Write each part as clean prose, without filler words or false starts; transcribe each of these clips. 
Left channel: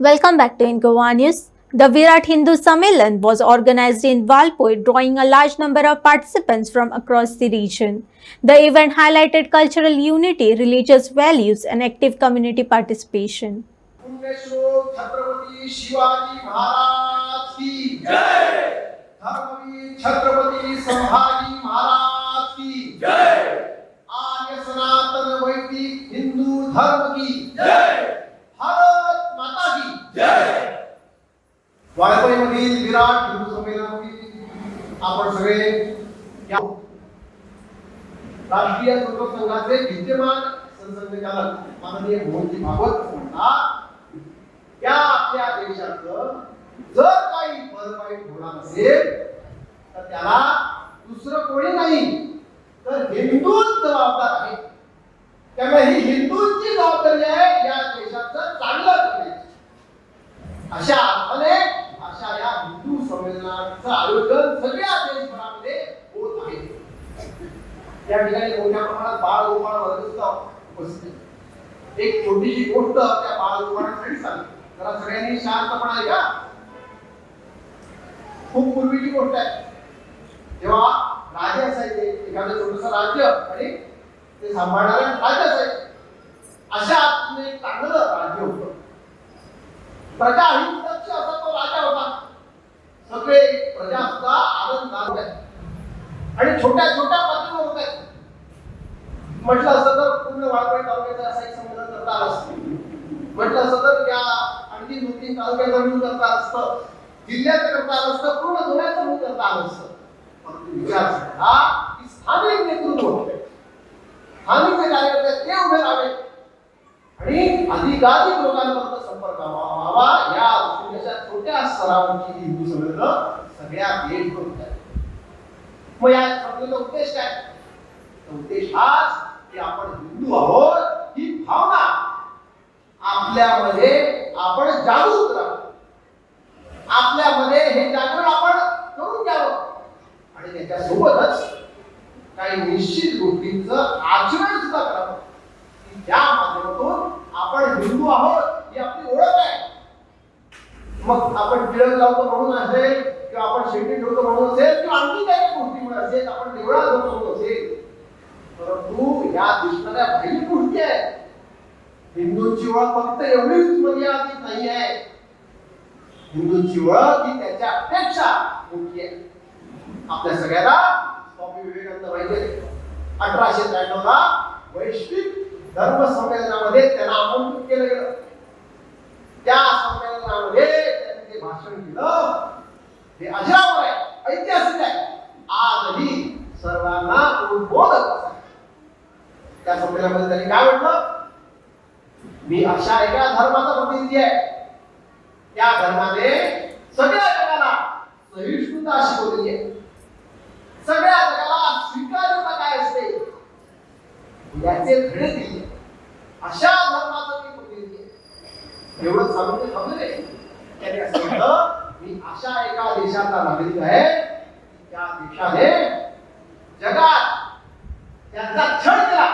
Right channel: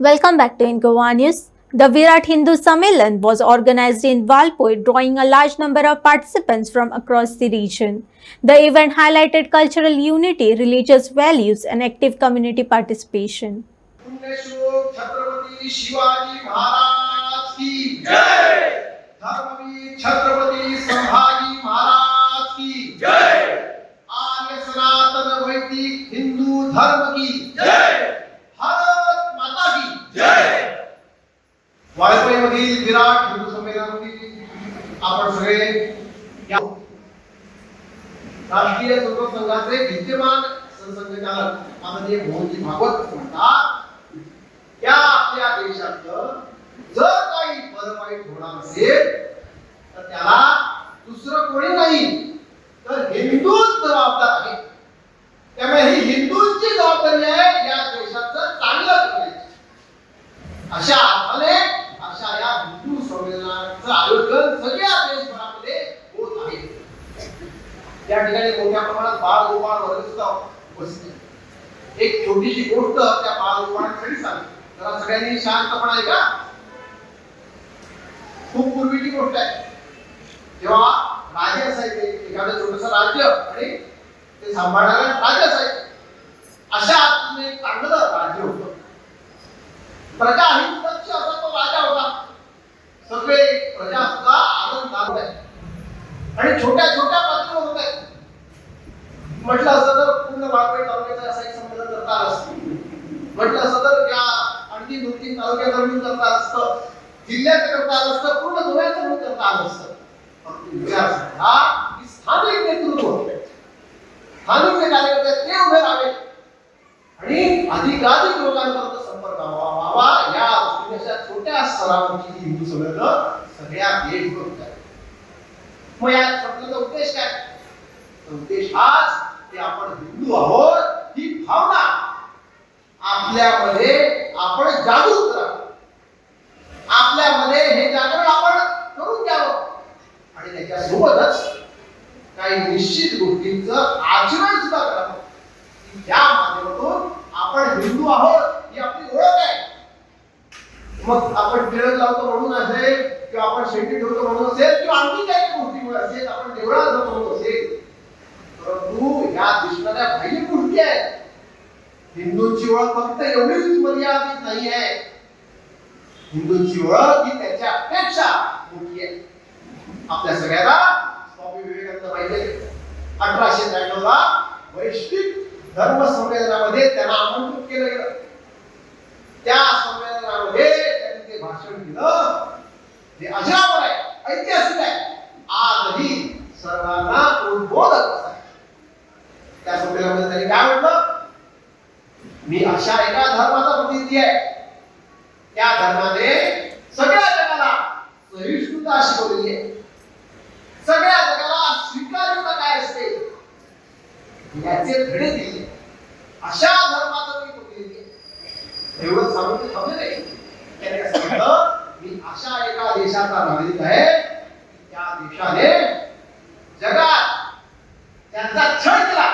Welcome back to Ingoa News. The Virat Hindu Sammelan was organized in Valpoi, drawing a large number of participants from across the region. The event highlighted cultural unity, religious values, and active community participation. पुण्यश्लोक छत्रपती शिवाजी महाराज की जय। धर्मवीर छत्रपती संभाजी महाराज की जय। आर्य सनातन वैदिक हिंदू धर्म की जय। भारत माता की जय। वाळपईमधील विराट हिंदू संमेलनातील आपण सगळे राष्ट्रीय संघ संघाचे विद्यमान संघचालक माननीय मोहनजी भागवत म्हणतात या आपल्या देशाचं जर काही बरं वाईट होणार असेल तर त्याला दुसरं कोणी नाही तर हिंदूच जबाबदार आहे. त्यामुळे ही हिंदूंची जबाबदारी आहे या देशाचं चांगलं करायचं. अशा अर्थाने अशा या हिंदू संमेलनाचं आयोजन सगळ्या देशभरामध्ये होत आहे. या ठिकाणी मोठ्या प्रमाणात बाळगोपाळ वर्ग सुद्धा उपस्थित आहे. एक छोटीशी गोष्ट त्या बाळगोपाळांसाठी सांगतो. जरा सगळ्यांनी शांतपणा ऐका. खूप पूर्वीची गोष्ट आहे. जेव्हा राजे असायचे एखादं छोटंसं राज्य आणि ते सांभाळणारे राजे असायचे अशा एक चांगलं राज्य होतं. प्रजा ही सुरक्षा असा तो राजा होता. सगळे प्रजा सुद्धा आनंदात होते आणि छोट्या छोट्या पातळीवर होते. म्हटलं असं तर पूर्ण वाळवंट तालुक्याचा असा एक संमेलन करता आलं असतं. म्हटलं असं तर या अगदी 2-3 तालुक्यावर मिळून करता असतं. जिल्ह्याचं करता आलं असतं. पूर्ण धुळ्याचं मिळून करता आलं असतं. स्थानिक नेतृत्व स्थानिक जे कार्यकर्ते ते उभे राहावे आणि अधिकाधिक लोकांपर्यंत संपर्क व्हावा या दृष्टीने अशा छोट्या स्तरावरची हिंदू संमेलन सगळ्या देशभर होत आहे. मग या संमेलनाचा उद्देश काय? उद्देश हाच की आपण हिंदू आहोत ही भावना आपल्यामध्ये आपण जागृत करावं. आपल्यामध्ये हे जागरण आपण करून घ्यावं आणि त्याच्यासोबतच काही निश्चित गोष्टींचं आचरण सुद्धा करावं. या माध्यमातून आपण हिंदू आहोत ही आपली ओळख आहे. मग आपण टिळक लावतो म्हणून असेल किंवा आपण शेंडी ठेवतो म्हणून असेल किंवा आणखी काही गोष्टीमुळे असेल आपण देवळात जातो म्हणून असेल परंतु या दिसणाऱ्या बाह्य गोष्टी आहेत. हिंदूंची ओळख फक्त एवढीच मर्यादित नाही आहे. हिंदूंची ओळख ही त्याच्यापेक्षा मोठी आहे. आपल्या सगळ्यांना स्वामी विवेकानंद माहिती आहे. 1893 ला वैश्विक धर्म संमेलनामध्ये त्यांना आमंत्रित केलं गेलं. त्या संमेलनामध्ये त्यांनी ते भाषण दिलं जे अजरामर आहे, ऐतिहासिक आहे, आजही सर्वांना उद्बोधक आहे. त्या संमेलनामध्ये त्यांनी काय म्हटलं? मी अशा एका धर्माचा प्रतिनिधी आहे त्या धर्माने सगळ्या जगाला सहिष्णुता शिकवली आहे. सगळ्या जगाला स्वीकार्यता काय असते याचे धडे दिले. अशा धर्माचा मी प्रतिनिधी आहे. एवढं सांगून थांबले नाही. त्याने काय सांगितलं? मी अशा एका देशाचा नागरिक आहे त्या देशाने जगात त्यांचा छळ केला.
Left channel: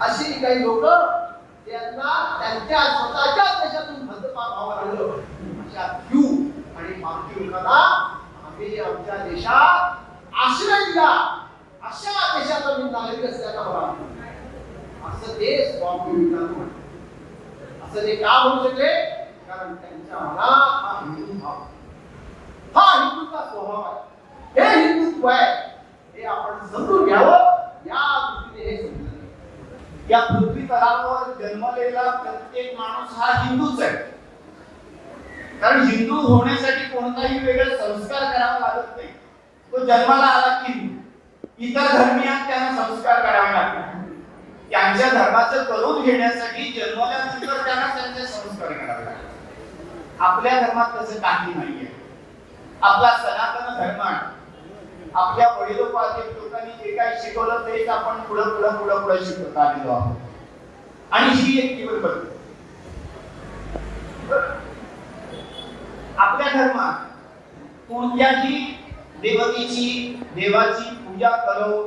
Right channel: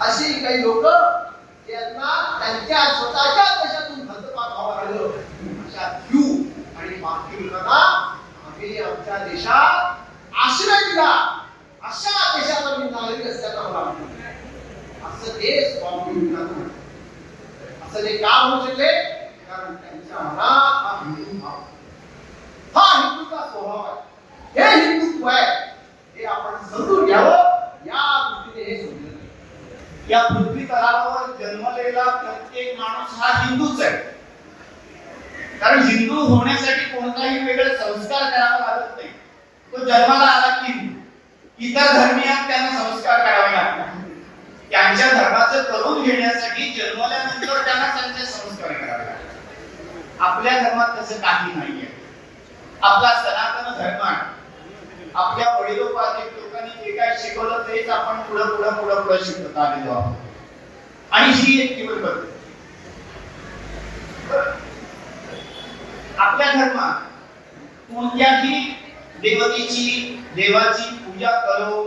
अशी काही लोक त्यांना त्यांच्या स्वतःच्या देशातून हद्दपार व्हावं लागलं. अशा क्यू आणि बाकी लोकांना आम्ही आमच्या देशात आश्रय दिला. अशा देशाचा मी नागरिक असल्याचा मला असं ते स्वामी विवेकानंद म्हणतात. असं ते का म्हणू शकले? कारण त्यांच्या मनात हा हिंदू भाव, हा हिंदूचा स्वभाव आहे, हे हिंदुत्व आहे, हे आपण समजून घ्यावं. या दृष्टीने हे समजून या पृथ्वी तलावर जन्मलेला प्रत्येक माणूस हा हिंदूच आहे. कारण हिंदू होण्यासाठी कोणताही वेगळे संस्कार करावा लागत नाही. तो जन्माला आला की इतर धर्मीयांना त्यांना संस्कार करावे लागतात. त्यांच्या धर्माचं करून घेण्यासाठी जन्मल्यानंतर त्यांना त्यांचे संस्कार करावे लागतात. आपल्या धर्मात तसं काही नाहीये. आपला सनातन धर्म आहे. आपल्या वडिलोपार्जित लोकांनी जे काय शिकवलं तेच आपण पुढे शिकत आलेलो आहोत. आणि ही एक केवळ पद्धत. आपल्या धर्मात कोणत्याही देवाची पूजा करो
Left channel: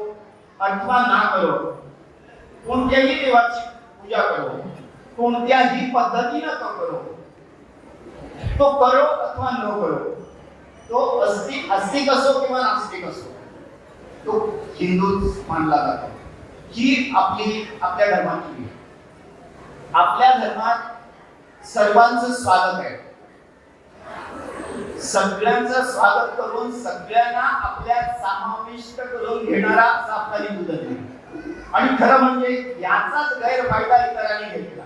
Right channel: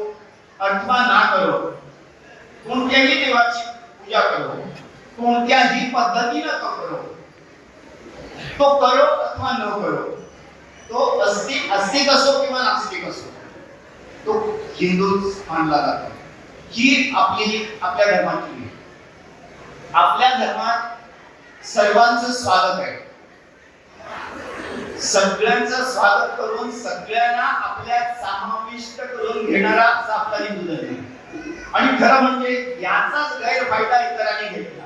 अथवा ना करो, कोणत्याही देवाची पूजा करो कोणत्याही पद्धतीनं तो करो अथवा न करो, तो अस्तिक असो किंवा नास्तिक असो, तो हिंदूच मानला जातो. ही आपल्या धर्माची, आपल्या धर्मात सर्वांचं स्वागत आहे. सगळ्यांचं स्वागत करून सगळ्यांना आपल्यात समाविष्ट करून घेणारा असा आपला हिंदू धर्म. आणि खरं म्हणजे याचाच गैरफायदा इतरांनी घेतला.